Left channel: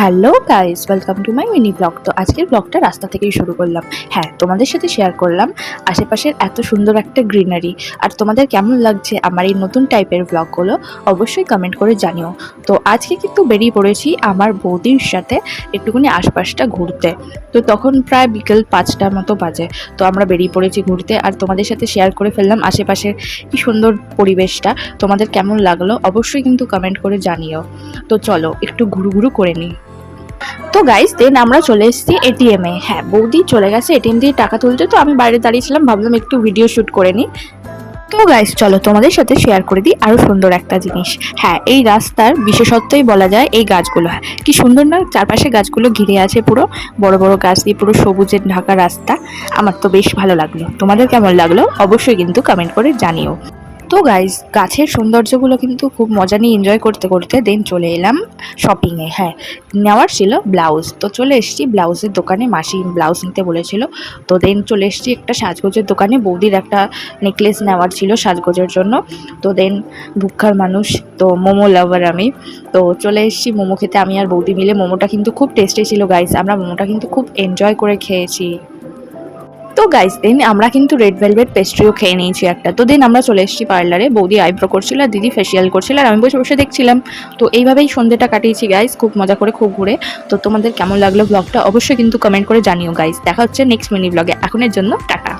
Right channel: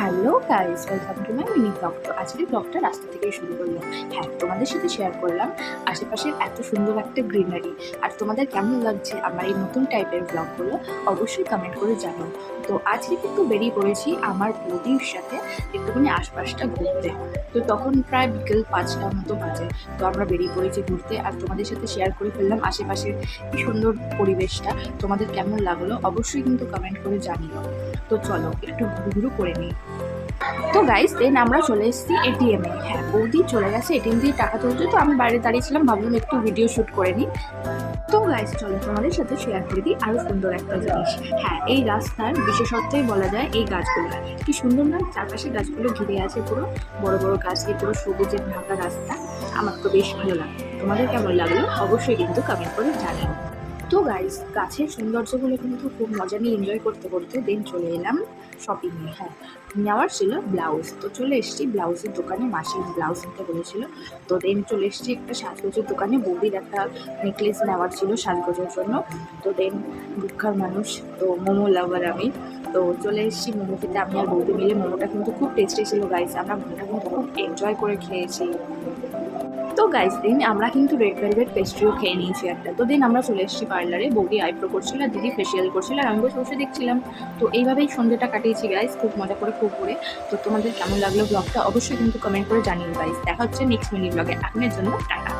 Hello guys, welcome to my mini blog. তো আজকের ব্লগটা রাস্তা থেকেই শুরু করলাম। হ্যাঁ, তোমাদের সাথে শেয়ার করলাম আশেপাশের এত সুন্দর একটা গ্রিনারি। আর তোমাদের কেমন লাগছে আমার এই নতুন টাইপের ব্লগগুলো অবশ্যই কমেন্ট করে জানিও। তো আজকে কিন্তু বেরিয়ে পড়েছি আমার বৌদির সাথে একটুখানি আশপাশটা ঘুরতে। তো তখন প্রায় বিকেল 5টার মতো বাজে। তো আমরা বেরিয়ে পড়েছি ঘুরতে, আর তোমাদের সাথে শেয়ার করে ফেললাম আশেপাশের কি সুন্দর পরিবেশটা। তোমাদের কেমন লাগলো অবশ্যই কিন্তু কমেন্ট করে জানিও। তো চলো একটু ঘুরু ঘুরু করে নিই। তো গাইস দেন আমরা চলে এসেছি এটিএমে। হ্যাঁ, বৌদি চলে গেছে এটিএম দিয়ে টাকা তুলতে, তো আমি বাইরে দাঁড়িয়েছিলাম, ভাবলাম একটু ভিডিও শ্যুট করে নিই। তো গাইস চলো তোমাদের সাথে শেয়ার করে দিই আরো সুন্দর একটা জিনিস। হ্যাঁ, এই রাস্তার বিশেষত্বই বলা যায় এই গাছগুলো। হ্যাঁ, কি সুন্দর না, চারপাশে গাছগুলো ঘিরে আছে, পুরো বড় বড় গাছ দিয়ে পুরো সবুজের ঢাকা রাস্তা। আমার তো বেশ ভালো লাগলো। তোমাদের কেমন লাগলো অবশ্যই কিন্তু কমেন্ট করে জানিও। তো গাইস গাছের সৌন্দর্যগুলো কিন্তু খুব মজা নিয়ে এনজয় করতে করতে দেন চলে এলাম শপিংয়ে। হ্যাঁ, নেওয়ার ছিল ব্লাউজ। তো চলে এসেছি ব্লাউজের দোকানে, মাসি ব্লাউজ নিতে বলেছিল। তো দেন চলে এসেছি একটা সাজগোজের দোকানে, বৌদির একটা নেকলেস নেওয়ার ছিল সাজগোজের জন্য। তো দেন ভুক্ষার মানুষ, তো মোমো লাভার আমি। তো চলে এসেছি মোমো খেতে, আমি আর বৌদি মিলে। মোমোটা কিন্তু খুব টেস্টি ছিল গাইস, আমরা মোমোটা কিন্তু খুব এনজয় করে খেয়েছি। তো গাইস দেন আমরা কিন্তু রেড ভেলভেট পেস্ট্রিও খেয়ে নিয়েছি একটা। তো দেন আমরা চলে এসেছি পার্লারে, বৌদি আইব্রো করছিল আর দিদি ফেসিয়াল করছিল, আর আমি বসে বসে দেখছিলাম। তো এইভাবেই সন্ধ্যেটা কাটিয়েছি গাইস, খুব মজা করে, খুব ঘুরে। তো তোমাদের কেমন লাগলো ব্লগটা অবশ্যই কিন্তু কমেন্ট করে জানিও গাইস। দেখা হচ্ছে নেক্সট মিনি ব্লগে, এখনের জন্য টাটা।